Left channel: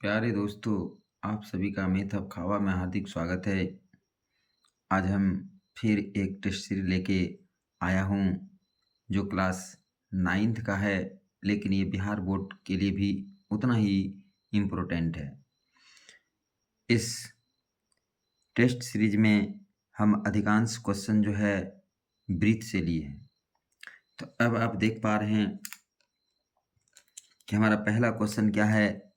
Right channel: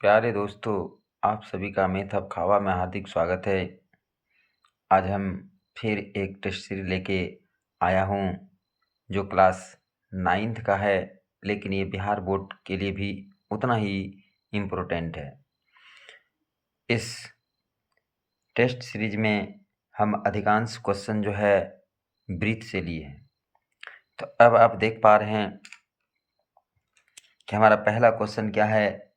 प्यारे दोस्तों, आप सभी का मेथब खावा में हार्दिक स्वागत है। आज हम फिर एक टेस्ट सीरीज लेके आया हूँ जो क्लास 9th का है, लेकिन ये बिहार बोर्ड के लिए भी उतना ही इम्पोर्टेंट है। इस टेस्ट सीरीज में हम अधिकांश क्वेश्चन जो है ब्रीथ से लिए हैं। तो अब आप देख पा रहे हैं कि हमारा पहला क्वेश्चन क्या है।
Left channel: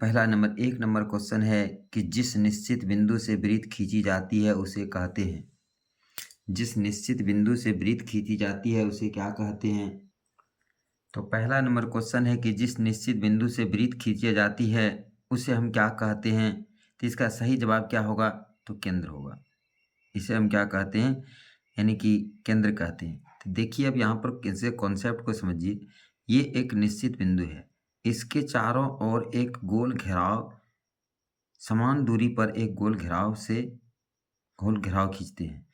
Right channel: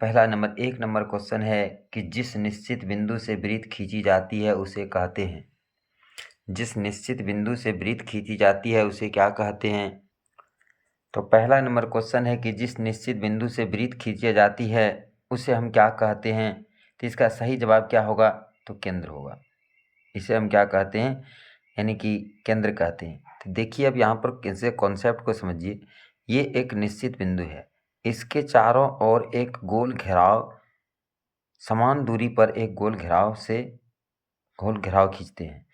पहला नंबर 1 नंबर क्वेश्चन है कि जिस निश्चित बिंदु से वृत्त खींची जाती है उसे कहते हैं। जिस निश्चित बिंदु से वृत्त खींची जाती है उसे क्या कहते हैं। तो पहला नंबर क्वेश्चन है कि जिस निश्चित बिंदु से वृत्त खींची जाती है उसे हम क्या कहते हैं। तो इसका सही जवाब क्या होगा, तो केंद्र होगा। इसे हम क्या कहते हैं, यानी कि केंद्र कहते हैं। तो देखिए अब यहाँ पर कैसे कॉन्सेप्ट को समझिए। ये एक निश्चित बिंदु है, इसके चारों ओर एक गोल घेराव, समान दूरी पर एक गोल घेराव खींचते हैं।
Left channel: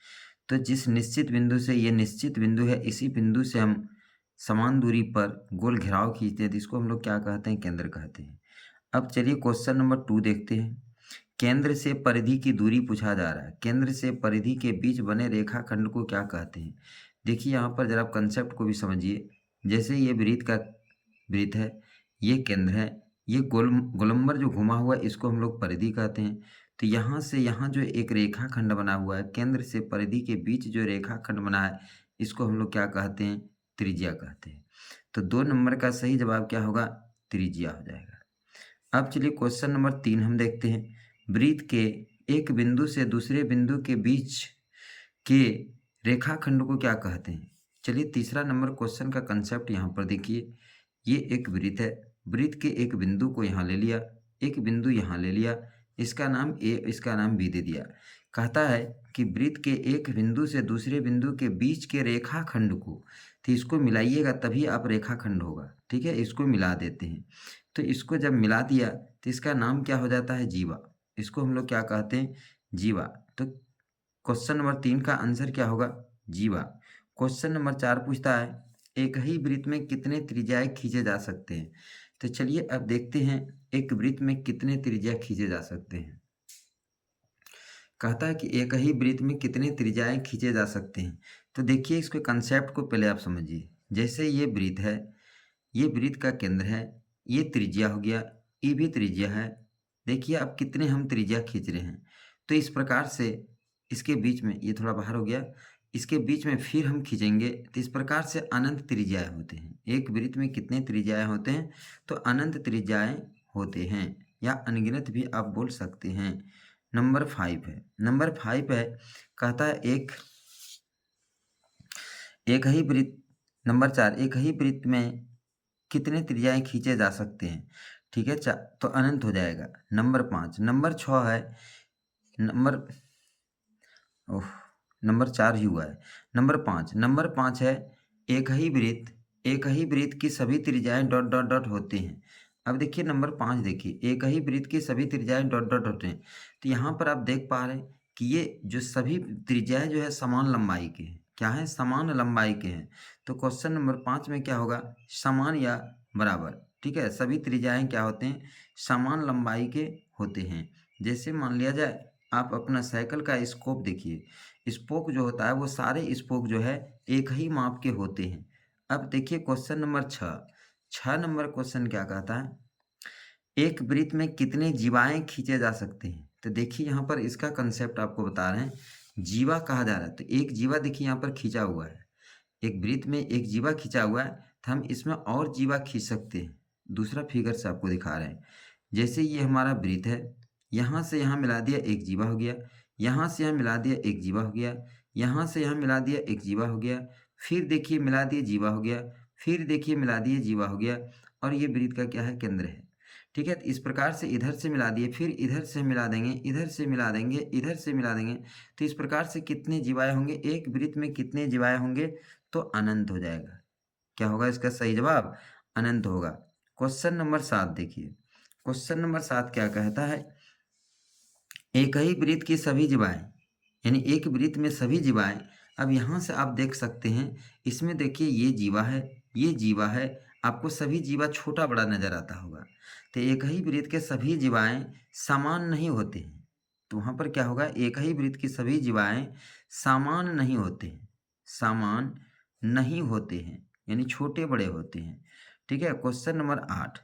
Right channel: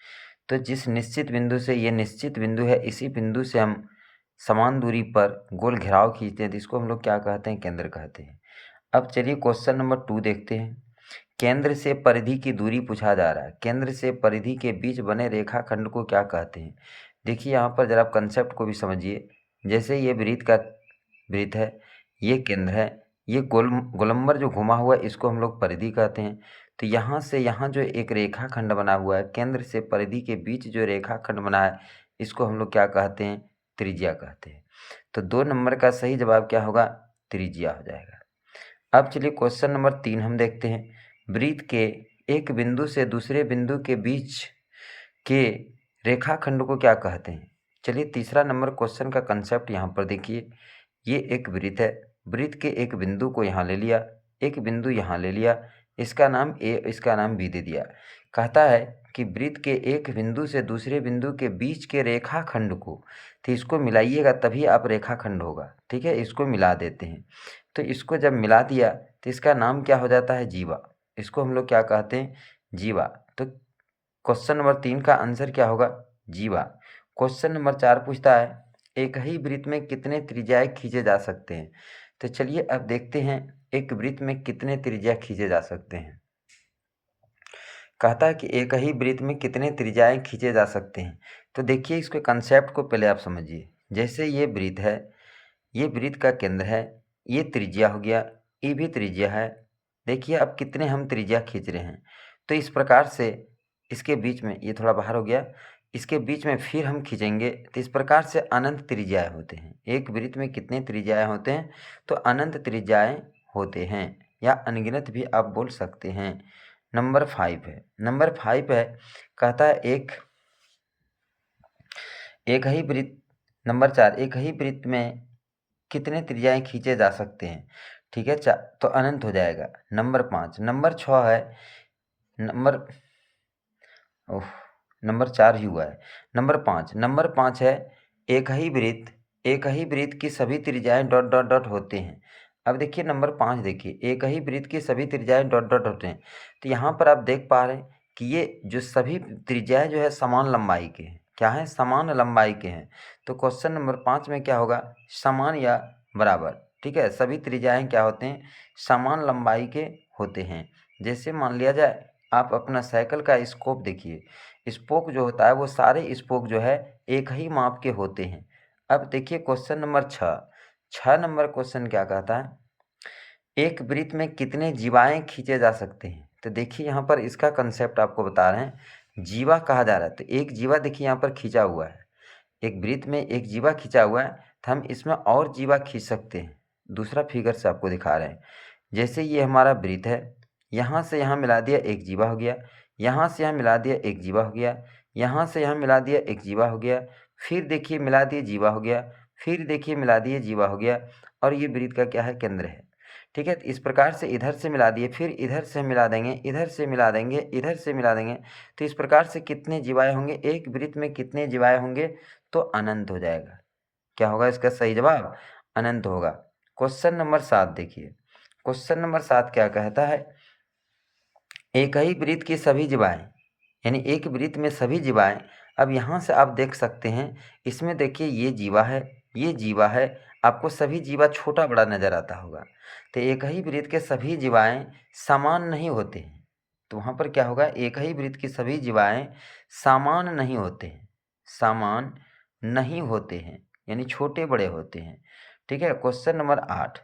तो जिस निश्चित बिंदु से, ये निश्चित बिंदु है, इसी बिंदु से हम समान दूरी पर गोल घेराव खींचते हैं तो इसको हम लोग क्या कहते हैं, केंद्र कहते हैं। अब चलिए क्वेश्चन नंबर 2 देखते हैं। केंद्र से परिधि की दूरी पूछा जा रहा है। केंद्र से परिधि के बीच बने रेखाखंड को क्या कहते हैं। देखिए यहाँ पर जरा आप कंसेप्ट को भी समझिए। जैसे ये वृत्त है, ये केंद्र है, ये गोलंबर जो घुमा हुआ है इसको हम लोग परिधि कहते हैं। तो यहाँ से यहाँ जो एक रेखाखंड बना हुआ है, केंद्र से परिधि के बीच जो रेखाखंड बना है इसको हम लोग क्या कहते हैं, त्रिज्या कहते हैं। तो 2 नंबर का सही जवाब क्या होगा, त्रिज्या हो जाएगा। अब चलिए क्वेश्चन नंबर 3 हम देखते हैं। वृत्त के एक बिंदु से दूसरे बिंदु के बीच के रेखाखंड को क्या कहते हैं। चलिए तीसरा नंबर क्वेश्चन का कंसेप्ट यहाँ पर देखिए। ये एक वृत्त है, वृत्त के एक बिंदु को यहाँ ले लिया, एक बिंदु यहाँ ले लिया, इसका नाम ए, इसका नाम बी दे दिया। कहता है कि वृत्त के एक बिंदु से दूसरे बिंदु के बीच के रेखाखंड को, तो इसको मिलाइएगा तभी आप रेखाखंड होगा, ठीक है। इसको मिला देते हैं, तो इसको जब मिला दिया तो इसका नाम क्या हो जाता है, जीवा। इसको हम लोग क्या कहते हैं, जीवा। तो क्वेश्चन नंबर 3 का आंसर क्या होगा, जीवा। क्वेश्चन नंबर 4 पूछता है एक ही वृत्त में कितने त्रिज्याएं खींचे जा सकते हैं। तो चलिए अब देखते हैं एक वृत्त में कितने त्रिज्या खींचे जा सकते हैं। कहता है कि एक ही वृत्त में कितने त्रिज्याएं खींचे जा सकते हैं। तो देखिए इसके कंसेप्ट को पहले आप समझिए। जैसे ये वृत्त है, ये वृत्त का केंद्र है, ये त्रिज्या हो गया, ये भी त्रिज्या है। देखिए अब कितने हम त्रिज्या खींच रहे हैं। तो इस प्रकार से इसके बीच में, ये थोड़ा बाहर हो गया, इसके बीच में फिर हम खींचेंगे तो इस प्रकार से अनंत त्रिज्याएं होते हैं। एक वृत्त में कितने त्रिज्याएं होते हैं, तो अनंत त्रिज्याएं होते हैं, या अनगिनत भी आप बोल सकते हैं। नंबर 5 है, नंबर 5 है, कहता है एक ही वृत्त, नंबर 4, एक ही वृत्त में कितने त्रिज्याएं खींचे जा सकते हैं। ठीक है, तो अनंत हो जाएगा। नंबर 5, नंबर 6 है, नंबर ओह नंबर 4 ही हुआ है। नंबर 5 है, एक ही वृत्त की सभी त्रिज्याएं डॉट डॉट डॉट होते हैं। अब देखिए नंबर 5 देखिए, एक ही वृत्त की सभी त्रिज्याएं डॉट डॉट होते हैं। तो यहाँ पर आप देख पा रहे हैं कि ये जो सभी त्रिज्याएं जो है समान लंबाई के हैं। क्या है, समान लंबाई के हैं। तो क्वेश्चन नंबर 5 में क्या होगा, समान या बराबर। ठीक है, सभी त्रिज्याएं क्या होते हैं, समान लंबाई के होते हैं। जैसे मान लिया जाए आप अपना साइकिल का स्कोप देखिए, स्पोक जो होता है वो सारे स्पोक जो है एक ही माप के होते हैं। अब देखिए क्वेश्चन नंबर 6 नंबर क्वेश्चन क्या कहता है, एक वृत्त में कितने जीवाएं खींचे जा सकते हैं। तो देखिए यहाँ पर इसका कंसेप्ट आपको बता रहे हैं, जीवा कहा जा रहा है। तो एक जीवा देखिए यहाँ पर खींचा हुआ है, एक वृत्त में एक जीवा खींचा हुआ है, तो हम इसमें और जीवा खींच सकते हैं। दूसरा फिगर से आपको दिखा रहे हैं। जैसे ये हमारा वृत्त है, यहाँ से यहाँ मिला दिया एक जीवा हो गया, यहाँ से यहाँ मिला दिया एक जीवा हो गया, यहाँ से यहाँ मिला दिया एक जीवा हो गया, फिर देखिए मिला दिए जीवा हो गया, फिर देखिए मिला दिए जीवा हो गया, और ये वृत्त का क्या है, केंद्र है। ठीक है, तो इस प्रकार से इधर से मिला दिए, फिर इधर से मिला देंगे, इधर से मिला देंगे, इधर से मिला देंगे। तो इस प्रकार से कितने जीवाएँ होंगे, एक वृत्त में कितने जीवाएँ होंगे, तो अनंत हो जाएगा। क्या होगा इसका सही जवाब, अनंत होगा। क्वेश्चन नंबर 7 देखिए, क्वेश्चन नंबर 7 क्या कहता है, एक ही वृत्त की सभी जीवाएं, यानी एक वृत्त में सभी जीवाएं। अब यहाँ से आप देख सकते हैं, इसमें देखिए ये जीवा है, ये जीवा है। आपको सभी जीवा छोटा बड़ा नजर आता होगा। तो एक ही वृत्त के सभी जीवाएं समान नहीं होते हैं। तो वहाँ पर क्या होगा, एक ही वृत्त की सभी जीवाएं समान नहीं होते हैं, समान नहीं होते हैं, यानी छोटे बड़े होते हैं। ठीक है। क्वेश्चन नंबर 8,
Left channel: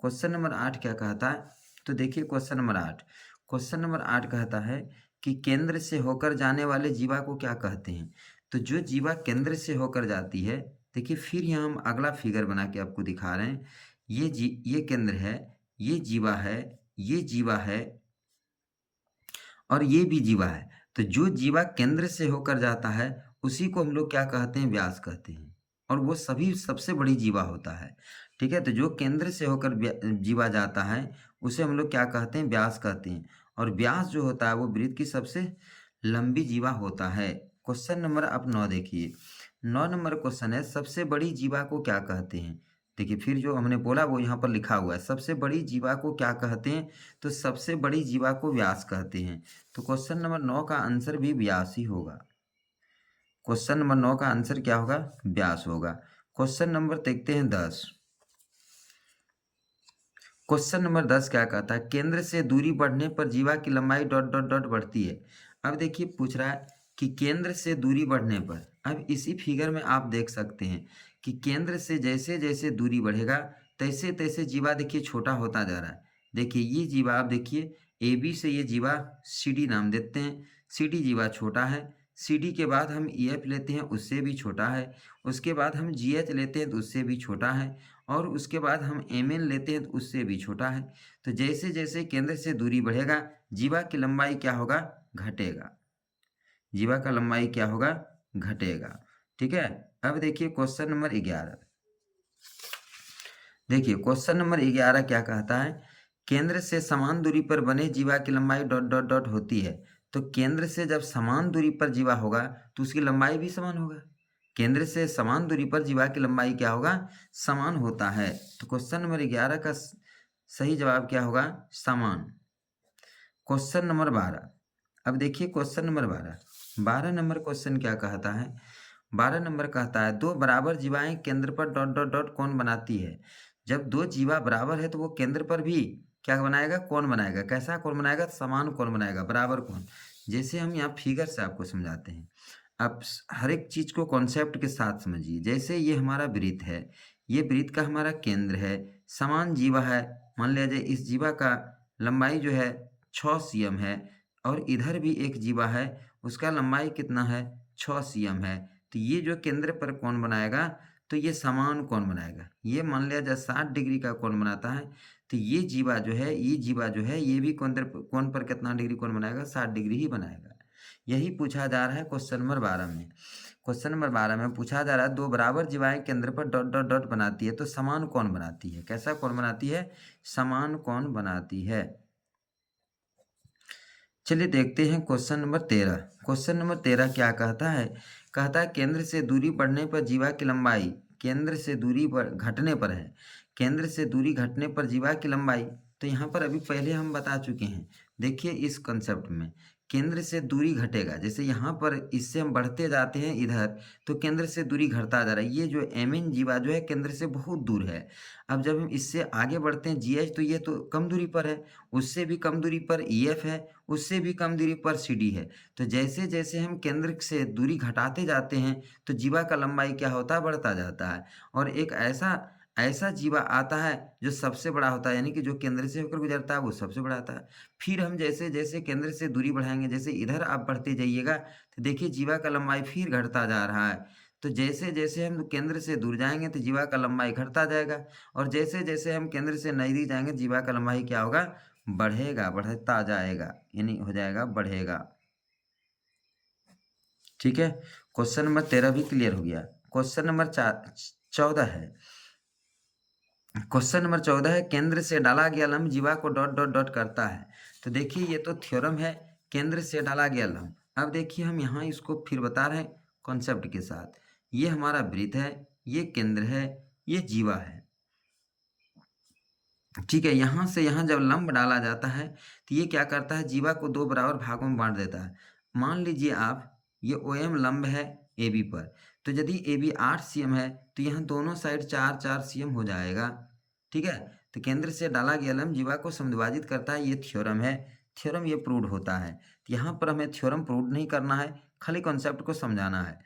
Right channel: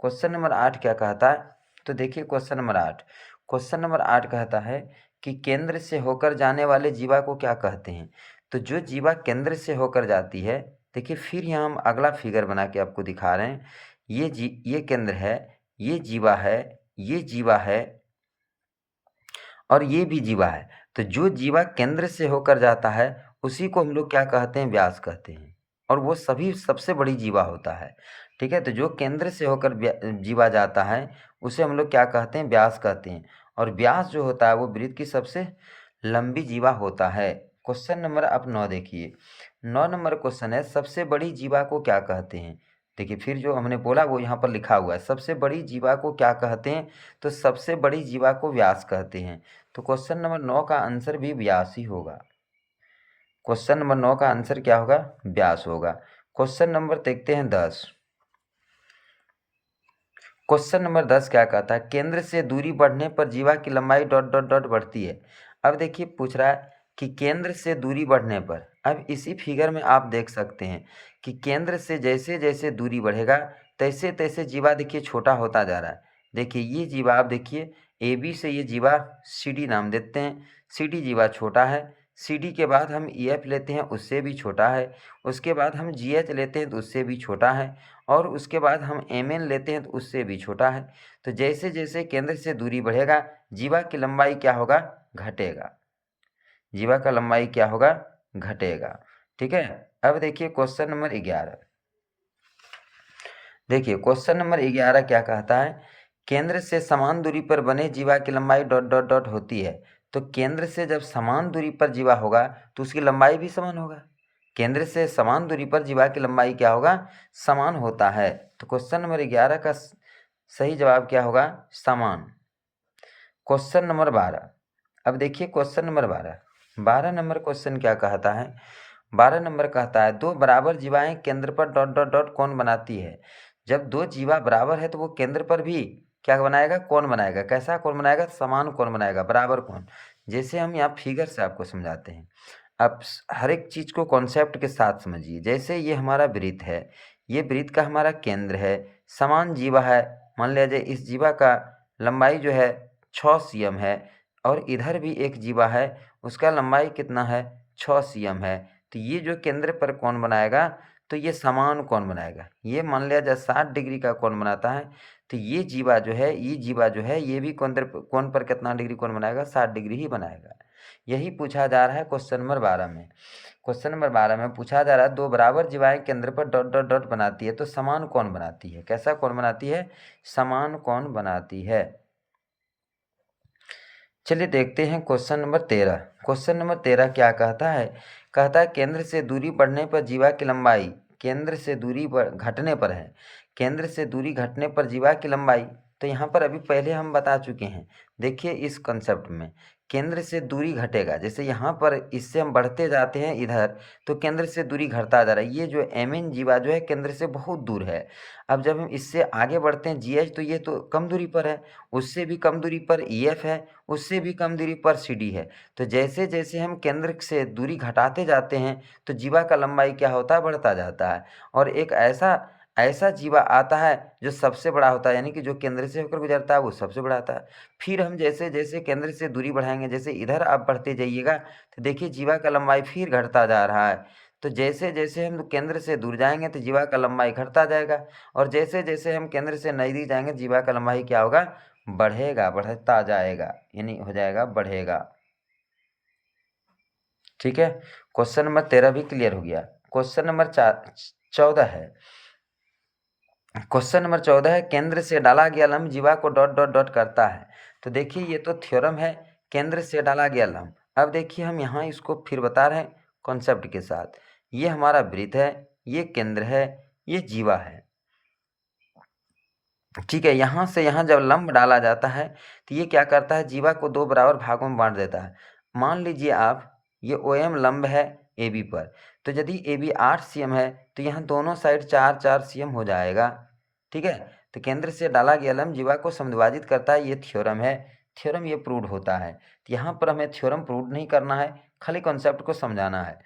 क्वेश्चन नंबर 8 क्या कहता है, तो देखिए क्वेश्चन नंबर 8, क्वेश्चन नंबर 8 कहता है कि केंद्र से होकर जाने वाले जीवा को क्या कहते हैं। तो जो जीवा केंद्र से होकर जाती है, देखिए फिर यहाँ हम अगला फिगर बना के आपको दिखा रहे हैं। ये केंद्र है, ये जीवा है, ये जीवा है और ये भी जीवा है। तो जो जीवा केंद्र से होकर जाता है उसी को हम लोग क्या कहते हैं, व्यास कहते हैं। और वो सभी सबसे बड़ी जीवा होता है। ठीक है। तो जो केंद्र से होकर जीवा जाता है उसे हम लोग क्या कहते हैं, व्यास कहते हैं। और व्यास जो होता है वो वृत्त की सबसे लंबी जीवा होता है। क्वेश्चन नंबर आप 9 देखिए। 9 नंबर क्वेश्चन है, सबसे बड़ी जीवा को क्या कहते हैं। देखिए फिर जो हमने बोला वो यहाँ पर लिखा हुआ है, सबसे बड़ी जीवा को क्या कहते हैं, तो सबसे बड़ी जीवा को व्यास कहते हैं। तो क्वेश्चन नंबर 9 का आंसर भी व्यास ही होगा। क्वेश्चन नंबर 9 का आंसर क्या होगा, व्यास होगा। क्वेश्चन नंबर देखते हैं 10। क्वेश्चन नंबर 10 क्या कहता है, केंद्र से दूरी बढ़ने पर जीवा की लंबाई डॉट डॉट डॉट बढ़ती है। अब देखिए पूछ रहा है कि केंद्र से दूरी बढ़ने पर, अब इसी फिगर में आप देख सकते हैं कि केंद्र से जैसे जैसे दूरी बढ़ेगा तैसे तैसे जीवा देखिए छोटा होता जा रहा है। देखिए ये जीवा, आप देखिए ए बी से ये जीवा सी डी नाम देते हैं, सी डी जीवा छोटा है। सी डी के बाद हम ई एफ लेते हैं, उससे भी छोटा है। उसके बाद हम जी एच लेते हैं तो उससे भी छोटा है। और उसके बाद हम एम एन लेते हैं तो उससे भी छोटा है। तो जैसे जैसे केंद्र से दूरी बढ़ेगा जीवा की लंबाई क्या होगा, घटेगा। जीवा का लंबाई क्या होगा, घटेगा। ठीक है। अब देखिए क्वेश्चन नंबर 11। देखिए क्वेश्चन नंबर 11 क्या कहता है, केंद्र से समान दूरी पर बने जीवा की लंबाई डॉट डॉट डॉट होती है। तो केंद्र से जब समान दूरी पर जीवा होगा तो उसकी लंबाई भी समान होगा। केंद्र से समान दूरी पर जीवा की लंबाई क्या होगा, समान होता है। तो क्वेश्चन नंबर 11 का सही जवाब क्या होगा, समान। Question number 12। अब देखिए क्वेश्चन नंबर 12, 12 नंबर क्वेश्चन क्या कहता है, 12 नंबर कहता है दो बराबर जीवाएं केंद्र पर डॉट डॉट डॉट कौन बनाती है। जब दो जीवा बराबर है तो वो केंद्र पर भी क्या बनाएगा, कौन बनाएगा। कैसा कौन बनाएगा, समान कौन बनाएगा, बराबर कौन। जैसे हम यहाँ फिगर से आपको समझाते हैं। आप हर एक चीज़ को कॉन्सेप्ट के साथ समझिए। जैसे ये हमारा वृत्त है, ये वृत्त का हमारा केंद्र है, समान जीवा है। मान लिया जाए इस जीवा का लंबाई जो है 6 cm है और इधर भी एक जीवा है, उसका लंबाई कितना है, 6 cm है। तो ये जो केंद्र पर कौन बनाएगा, तो ये समान कौन बनाएगा। ये मान लिया जाए 60 डिग्री का कौन बनाता है। तो ये जीवा जो है, ये जीवा जो है ये भी कौन पर कितना डिग्री कौन बनाएगा, 60 डिग्री ही बनाएगा। यही पूछा जा रहा है क्वेश्चन नंबर 12 में। क्वेश्चन नंबर 12 में पूछा जा रहा है दो बराबर जीवाएं केंद्र पर डॉट डॉट डॉट बनाती है तो समान कौन बनाती है। कैसा कौन बनाती है, समान कौन बनाती है। चलिए देखते हैं क्वेश्चन नंबर 13। क्वेश्चन नंबर 13 क्या कहता है, कहता है केंद्र से दूरी बढ़ने पर जीवा की लंबाई, केंद्र से दूरी घटने पर है, केंद्र से दूरी घटने पर जीवा की लंबाई। तो यहाँ पर अभी पहले हम बता चुके हैं। देखिए इस कंसेप्ट में केंद्र से दूरी घटेगा, जैसे यहाँ पर इससे हम बढ़ते जाते हैं इधर तो केंद्र से दूरी घटता जा रहा है। ये जो एम एन जीवा जो है केंद्र से बहुत दूर है। अब जब हम इससे आगे बढ़ते हैं जी एच, तो ये तो कम दूरी पर है, उससे भी कम दूरी पर ई एफ है, उससे भी कम दूरी पर सी डी है। तो जैसे जैसे हम केंद्र से दूरी घटाते जाते हैं तो जीवा का लंबाई क्या होता है, बढ़ता जाता है। और एक ऐसा ऐसा जीवा आता है जो सबसे बड़ा होता है, यानी कि जो केंद्र से होकर गुजरता है वो सबसे बड़ा आता है। फिर हम जैसे जैसे केंद्र से दूरी बढ़ाएंगे, जैसे इधर आप बढ़ते जाइएगा तो देखिए जीवा का लंबाई फिर घटता जा रहा है। तो जैसे जैसे हम केंद्र से दूर जाएंगे तो जीवा का लंबाई घटता जाएगा। और जैसे जैसे हम केंद्र से नज़दीक जाएंगे जीवा का लंबाई क्या होगा, बढ़ेगा, बढ़ता जाएगा, यानी हो जाएगा बढ़ेगा। ठीक है। क्वेश्चन नंबर 13 भी क्लियर हो गया। क्वेश्चन नंबर 14 है। क्वेश्चन नंबर 14 है केंद्र से डाला गया लंब जीवा को डॉट डॉट डॉट करता है। तो देखिए ये तो थ्योरम है, केंद्र से डाला गया लंब। अब देखिए हम यहाँ इसको फिर बता रहे हैं कॉन्सेप्ट के साथ। ये हमारा वृत्त है, ये केंद्र है, ये जीवा है। ठीक है। यहाँ से यहाँ जब लंब डाला जाता है तो ये क्या करता है, जीवा को दो बराबर भागों में बांट देता है। मान लीजिए आप ये ओ एम लंब है ए बी पर, तो यदि ए बी 8 cm है तो यहाँ दोनों साइड 4-4 cm हो जाएगा। ठीक है, तो केंद्र से डाला गया लंब जीवा को समद्विभाजित करता है, ये थ्योरम है। थ्योरम ये प्रूव होता है। तो यहाँ पर हमें थ्योरम प्रूव नहीं करना है, खाली कॉन्सेप्ट को समझाना है।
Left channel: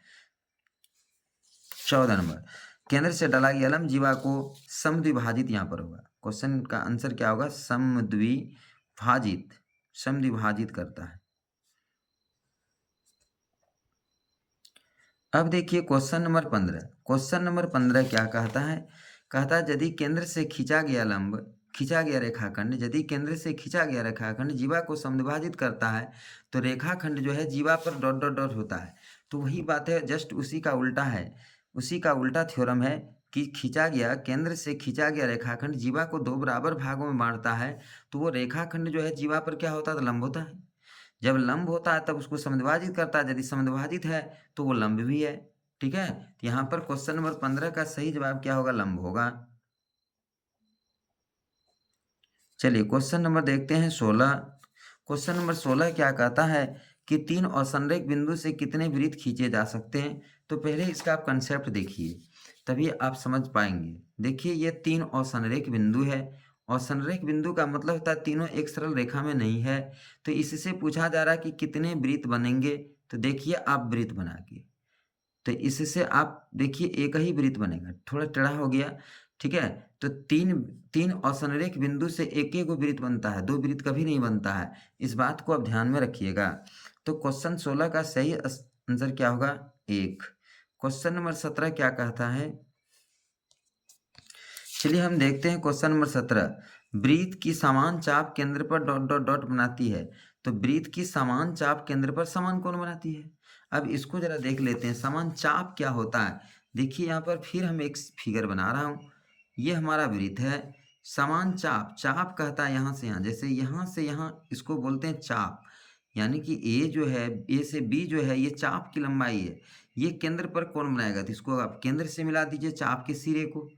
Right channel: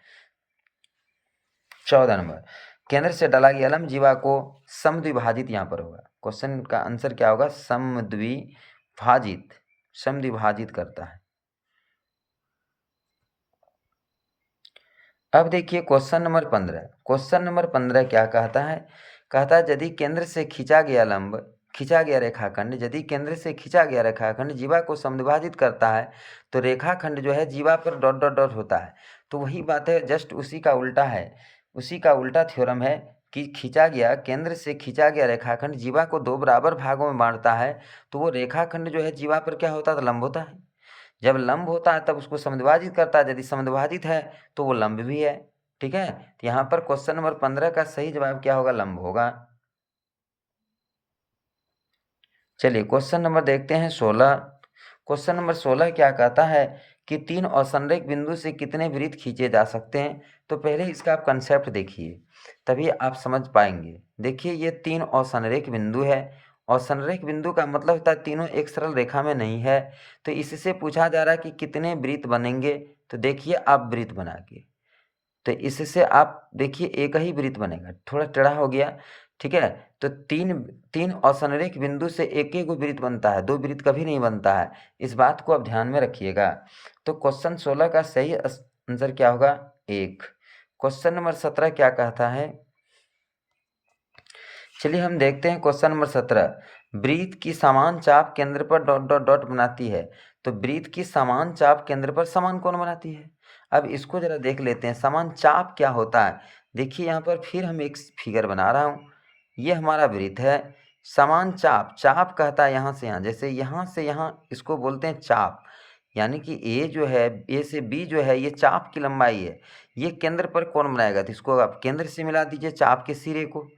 14 नंबर, केंद्र से डाला गया लंब जीवा को समद्विभाजित, यहाँ पर होगा क्वेश्चन का आंसर क्या होगा, समद्विभाजित, समद्विभाजित करता है। अब देखिए क्वेश्चन नंबर 15। क्वेश्चन नंबर 15 क्या कहता है, कहता है यदि केंद्र से खींचा गया लंब, खींचा गया रेखाखंड, यदि केंद्र से खींचा गया रेखाखंड जीवा को समद्विभाजित करता है तो रेखाखंड जो है जीवा पर डॉट डॉट डॉट होता है। तो वही बात है, जस्ट उसी का उल्टा है, उसी का उल्टा थ्योरम है कि खींचा गया, केंद्र से खींचा गया रेखाखंड जीवा को दो बराबर भागों में बांटता है तो वो रेखाखंड जो है जीवा पर क्या होता है, तो लंब होता है। जब लंब होता है तब उसको समद्विभाजित करता है, यदि समद्विभाजित है तो वो लंब भी है। ठीक है, तो यहाँ पर क्वेश्चन नंबर 15 का सही जवाब क्या होगा, लंब होगा। चलिए क्वेश्चन नंबर देखते हैं 16। क्वेश्चन नंबर 16 क्या कहता है कि तीन असंरेख बिंदु से कितने वृत्त खींचे जा सकते हैं। तो पहले इसका आप कंसेप्ट देखिए, तभी आप समझ पाएंगे। देखिए ये तीन असंरेख बिंदु है, और संरेख बिंदु का मतलब होता है तीनों एक सरल रेखा में नहीं है। तो इससे पूछा जा रहा है कि कितने वृत्त बनेंगे। तो देखिए आप वृत्त बना के, तो इससे आप देखिए एक ही वृत्त बनेगा, थोड़ा टेढ़ा हो गया। ठीक है, तो तीन तीन असंरेख बिंदु से एक एक वृत्त बनता है, दो वृत्त कभी नहीं बनता है। इस बात को आप ध्यान में रखिएगा। तो क्वेश्चन 16 का सही आंसर क्या होगा, 1। क्वेश्चन नंबर 17 क्या कहता है, चलिए हम देखते हैं क्वेश्चन नंबर 17। वृत्त की समान चाप केंद्र पर डॉट डॉट डॉट बनाती है। तो वृत्त की समान चाप केंद्र पर समान कोण बनाती है। अब इसको जरा देख लेते हैं, समान चाप क्या होता है। देखिए यहाँ पर फिर हम एक फिगर बना रहा हूँ, ये हमारा वृत्त है। समान चाप, चाप कहता है यहाँ से यहाँ, जैसे यहाँ से यहाँ इसको बोलते हैं चाप, यानी कि ए जो है, ए से बी जो है, ये चाप की लंबाई है। ये केंद्र पर कोण बनाएगा, तो इसको आप केंद्र से मिला दीजिए चाप के सिरे को।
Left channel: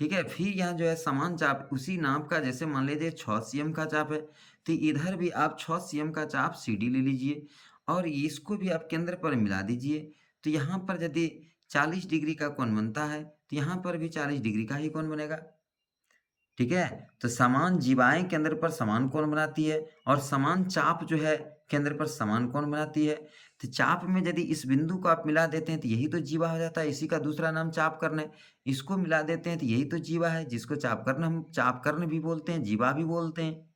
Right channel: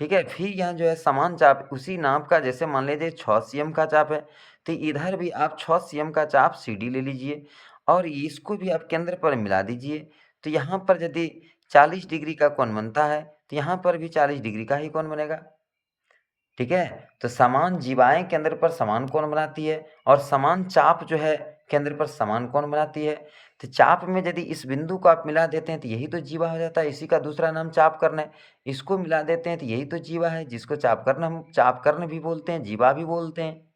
ठीक है, फिर यहाँ जो है समान चाप उसी नाप का, जैसे मान लीजिए 6 cm का चाप है, तो इधर भी आप 6 cm का चाप CD ले लीजिए और इसको भी आप केंद्र पर मिला दीजिए। तो यहाँ पर यदि 40 डिग्री का कोण बनता है तो यहाँ पर भी 40 डिग्री का ही कोण बनेगा। ठीक है, तो समान जीवाएं केंद्र पर समान कोण बनाती है और समान चाप जो है केंद्र पर समान कोण बनाती है। तो चाप में यदि इस बिंदु को आप मिला देते हैं तो यही तो जीवा हो जाता है, इसी का दूसरा नाम चाप कर्ण है। इसको मिला देते हैं तो यही तो जीवा है, जिसको चाप कर्ण हम चाप कर्ण भी बोलते हैं, जीवा भी बोलते हैं।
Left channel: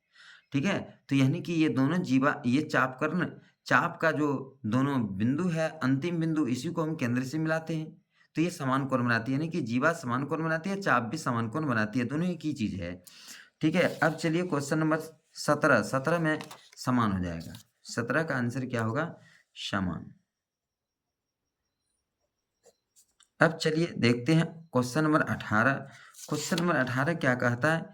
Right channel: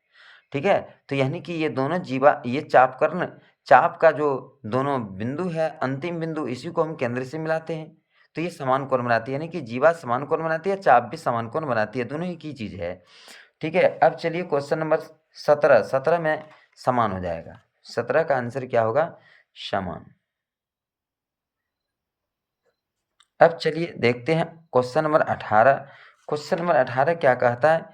ठीक है, तो यानी कि ये दोनों जीवा, ये चाप कर्ण, चाप का जो दोनों बिंदु है, अंतिम बिंदु, इसी को हम केंद्र से मिलाते हैं तो ये समान कोण बनाती है। यानी कि जीवा समान कोण बनाती है, चाप भी समान कोण बनाती है, दोनों एक ही चीज है। ठीक है, अब चलिए क्वेश्चन नंबर 17। 17 में समान हो जाएगा, 17 का आंसर क्या होगा, समान। अब चलिए देखते हैं क्वेश्चन नंबर 18। क्वेश्चन नंबर 18 क्या कहता है,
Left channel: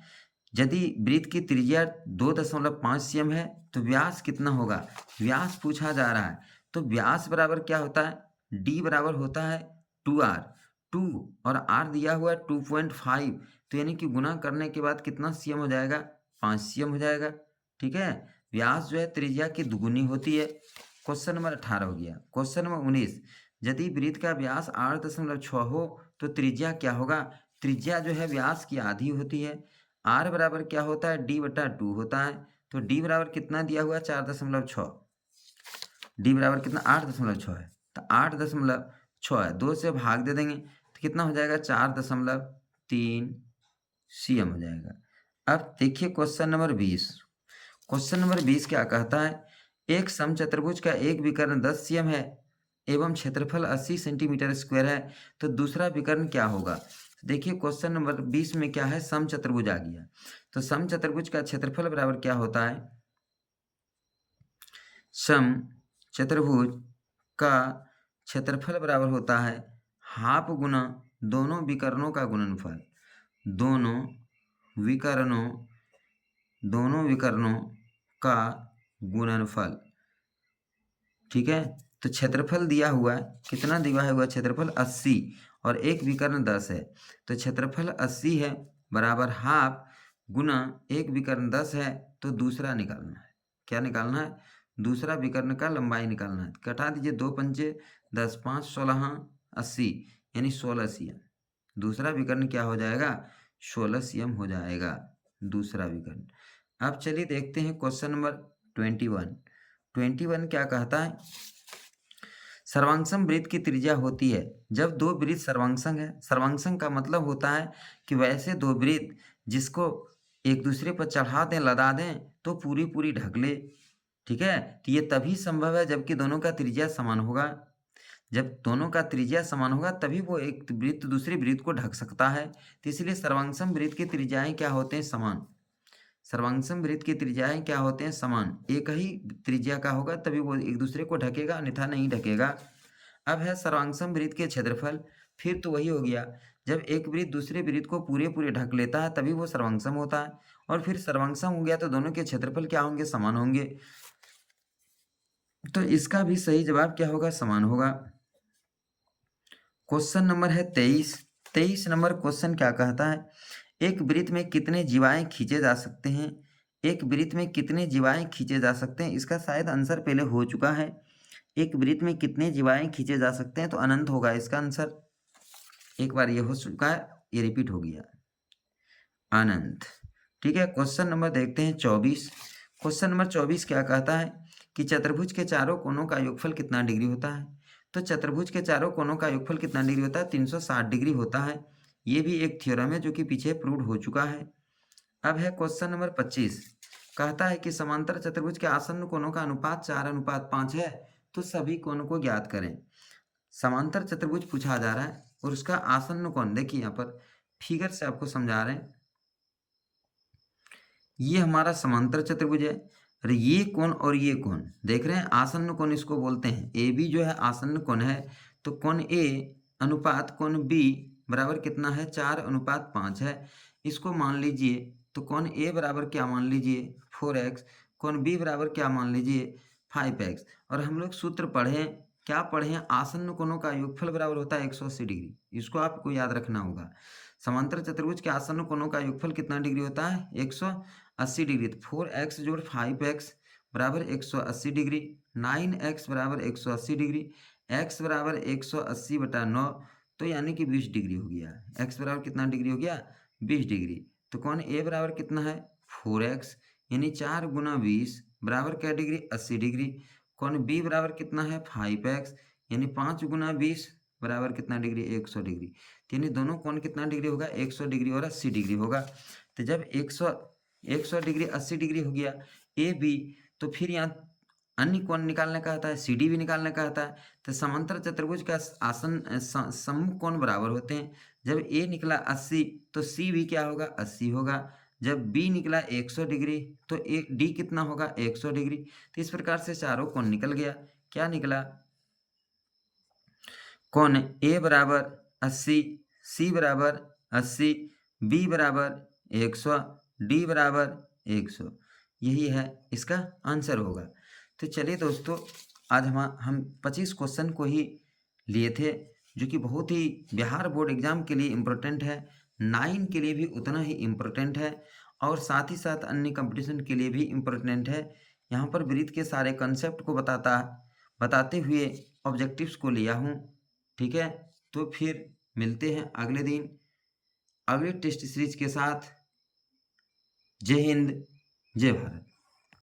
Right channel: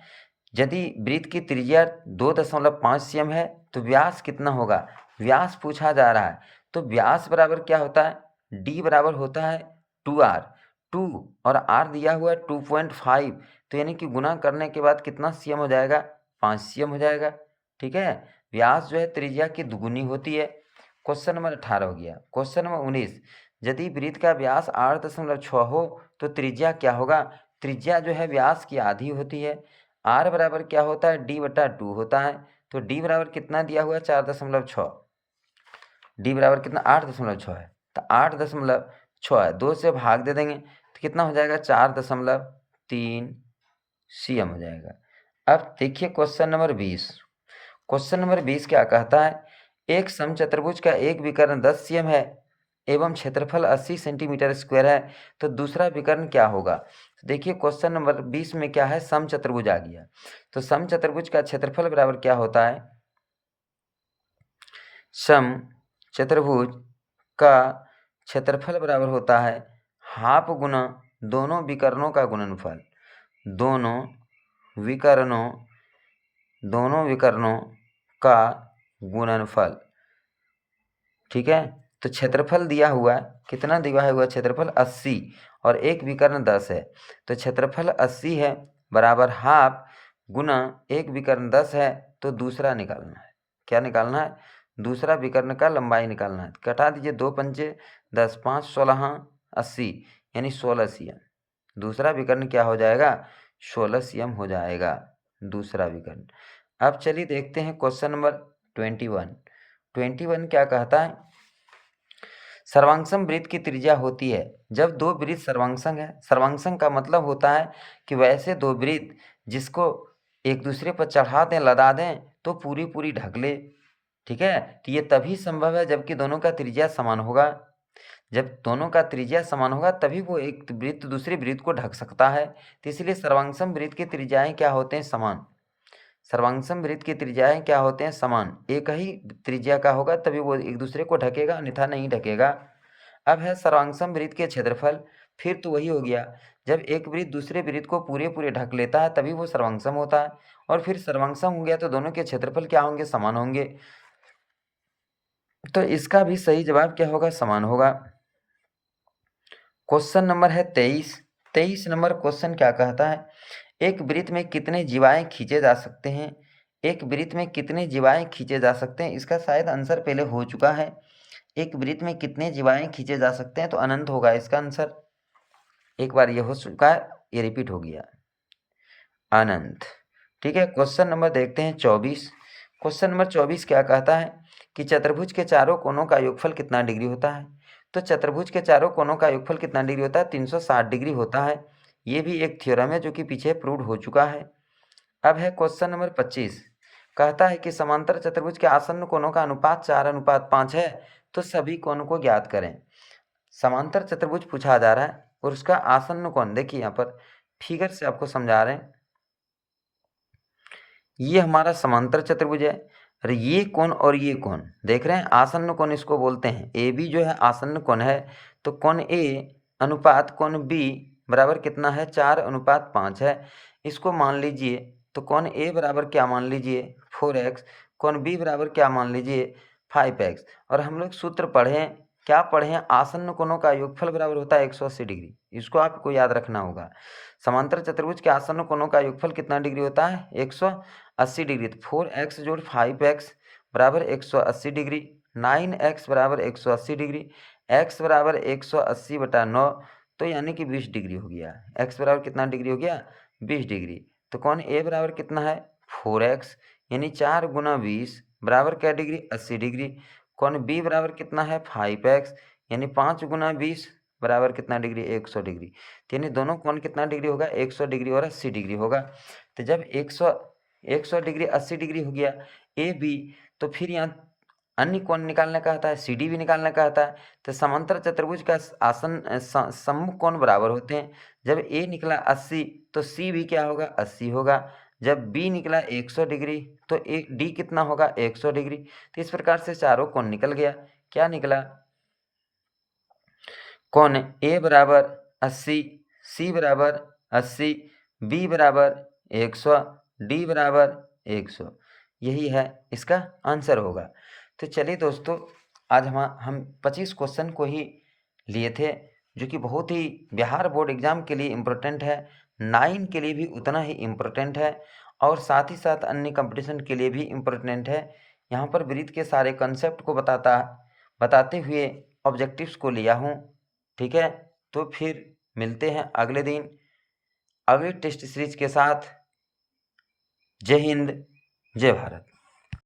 यदि वृत्त की त्रिज्या 2.5 cm है तो व्यास कितना होगा। व्यास पूछा जा रहा है, तो व्यास बराबर क्या होता है, d बराबर होता है 2r, 2 और r दिया हुआ है 2.5, तो यानी कि गुना करने के बाद कितना cm हो जाएगा, 5 cm हो जाएगा। ठीक है, व्यास जो है त्रिज्या की दुगुनी होती है। क्वेश्चन नंबर 18 हो गया। क्वेश्चन नंबर 19, यदि वृत्त का व्यास 8.6 हो तो त्रिज्या क्या होगा। त्रिज्या जो है व्यास की आधी होती है। r बराबर क्या होता है, d/2 होता है। तो d बराबर कितना दिया हुआ है, 4.6। d बराबर कितना, 8.6 है, तो 8.6 है, 2 से भाग दे देंगे तो कितना हो जाएगा, 4.3 cm हो जाएगा। अब देखिए क्वेश्चन नंबर 20। क्वेश्चन नंबर 20 क्या कहता है, एक समचतुर्भुज का एक विकर्ण 10 cm है एवं क्षेत्रफल 80 सेंटीमीटर स्क्वायर है, तो दूसरा विकर्ण क्या होगा। देखिए क्वेश्चन नंबर 20 में क्या है, समचतुर्भुज आ गया। तो समचतुर्भुज का क्षेत्रफल बराबर क्या होता है, समचतुर्भुज का क्षेत्रफल बराबर होता है हाफ गुना दोनों विकर्णों का गुणनफल, दोनों विकर्णों का गुणनफल। ठीक है, तो क्षेत्रफल दिया हुआ है, कितना दिया हुआ क्षेत्रफल 80 और एक विकर्ण 10 है, तो क्षेत्रफल 80 है बराबर हाफ गुना एक विकर्ण 10 है, तो दूसरा निकालना है, क्या निकालना है, दूसरा विकर्ण का लंबाई निकालना है। कटा दीजिए, 2 पंचे 10, 5 16 80 यानी 16 cm। दूसरा विकर्ण क्या हो जाएगा? 16 cm हो जाएगा दूसरा विकर्ण। अब चलिए देखते हैं क्वेश्चन नंबर 21। 21 क्या कहता है? सर्वांगसम वृत्त की त्रिज्या होती है जब दो वृत्त सर्वांगसम है। सर्वांगसम का मतलब होता है कि वैसे दो वृत्त जिसको एक दूसरे पर चढ़ा दें, लदा दें तो पूरी पूरी ढक ले। ठीक है, तो ये तभी संभव है जबकि दोनों का त्रिज्या समान होगा। जब दोनों का त्रिज्या समान होगा तभी वो एक वृत्त दूसरे वृत्त को ढक सकता है। तो इसलिए सर्वांगसम वृत्त की त्रिज्याएं क्या होते हैं? समान। सर्वांगसम वृत्त की त्रिज्याएं क्या होते हैं? समान। एक ही त्रिज्या का होगा तभी वो एक दूसरे को ढकेगा, अन्यथा नहीं ढकेगा। अब है सर्वांगसम वृत्त के क्षेत्रफल। फिर तो वही हो गया, जब एक वृत्त दूसरे वृत्त को पूरे पूरे ढक लेता है तभी वो सर्वांगसम होता है। और फिर सर्वांगसम हो गया तो दोनों के क्षेत्रफल क्या होंगे? समान होंगे। तो इसका भी सही जवाब क्या होगा? समान होगा। क्वेश्चन नंबर है 23। 23 नंबर क्वेश्चन क्या कहता है? एक वृत्त में कितने जीवाएं खींचे जा सकते हैं? एक वृत्त में कितने जीवाएं खींचे जा सकते हैं? इसका शायद आंसर पहले हो चुका है। एक वृत्त में कितने जीवाएं खींचे जा सकते हैं, तो अनंत होगा इसका आंसर। एक बार ये हो चुका है, ये रिपीट हो गया, अनंत। ठीक है, क्वेश्चन नंबर देखते हैं 24। क्वेश्चन नंबर 24 क्या कहता है कि चतुर्भुज के चारों कोनों का योगफल कितना डिग्री होता है? तो चतुर्भुज के चारों कोनों का योगफल कितना डिग्री होता है? 360 डिग्री होता है। ये भी एक थ्योरम है जो कि पीछे प्रूव हो चुका है। अब है क्वेश्चन नंबर 25। कहता है कि समांतर चतुर्भुज के आसन्न कोणों का अनुपात 4:5 है, तो सभी कोणों को ज्ञात करें। समांतर चतुर्भुज पूछा जा रहा है और उसका आसन्न कोण देखिए, यहाँ पर फिगर से आपको समझा रहे हैं। ये हमारा समांतर चतुर्भुज है और ये कोण और ये कोण देख रहे हैं, आसन्न कोण इसको बोलते हैं। ए बी जो है आसन्न कोण है, तो कोण ए अनुपात कोण बी बराबर कितना है? 4:5 है। इसको मान लीजिए, तो कोण ए बराबर क्या मान लीजिए? 4x। कोण बी बराबर क्या मान लीजिए? 5x। और हम लोग सूत्र पढ़े, क्या पढ़े हैं? आसन्न कोणों का योगफल बराबर होता है 180 डिग्री। इसको आपको याद रखना होगा। समांतर चतुर्भुज के आसन्न कोणों का योगफल कितना डिग्री होता है? 180 डिग्री। तो 4x जोड़ 5x बराबर 180 डिग्री। 9x बराबर 180 डिग्री। x बराबर 180/9, तो यानी कि 20 डिग्री हो गया। x बराबर कितना डिग्री हो गया? 20 डिग्री। तो कोण a बराबर कितना है? 4x, यानी 4 गुना 20 बराबर क्या डिग्री? 80 डिग्री। कोण b बराबर कितना है? 5x, यानी 5 गुना 20 बराबर कितना डिग्री? 100 डिग्री। तो यानी दोनों कोण कितना डिग्री होगा? 100 डिग्री और 80 डिग्री होगा। तो जब 100 डिग्री 80 डिग्री हो गया ए बी, तो फिर यहाँ अन्य कोण निकालने का आता है, सी डी भी निकालने का आता है। तो समांतर चतुर्भुज का सम्मुख कोण बराबर होते हैं। जब ए निकला 80 तो सी भी क्या होगा? 80 होगा। जब बी निकला 100 डिग्री तो ए डी कितना होगा? 100 डिग्री। तो इस प्रकार से चारों कोण निकल गया। क्या निकला? कोण ए बराबर 80, सी बराबर 80, बी बराबर 100, डी बराबर 100। यही है इसका आंसर होगा। तो चलिए दोस्तों, आज हम 25 क्वेश्चन को ही लिए थे, जो कि बहुत ही बिहार बोर्ड एग्जाम के लिए इम्पोर्टेंट है, 9 के लिए भी उतना ही इम्पोर्टेंट है, और साथ ही साथ अन्य कंपटीशन के लिए भी इम्पोर्टेंट है। यहाँ पर वृत्त के सारे कंसेप्ट को बताते हुए ऑब्जेक्टिव्स को लिया हूँ। ठीक है, तो फिर मिलते हैं अगले दिन अगले टेस्ट सीरीज के साथ। जय हिंद, जय भारत।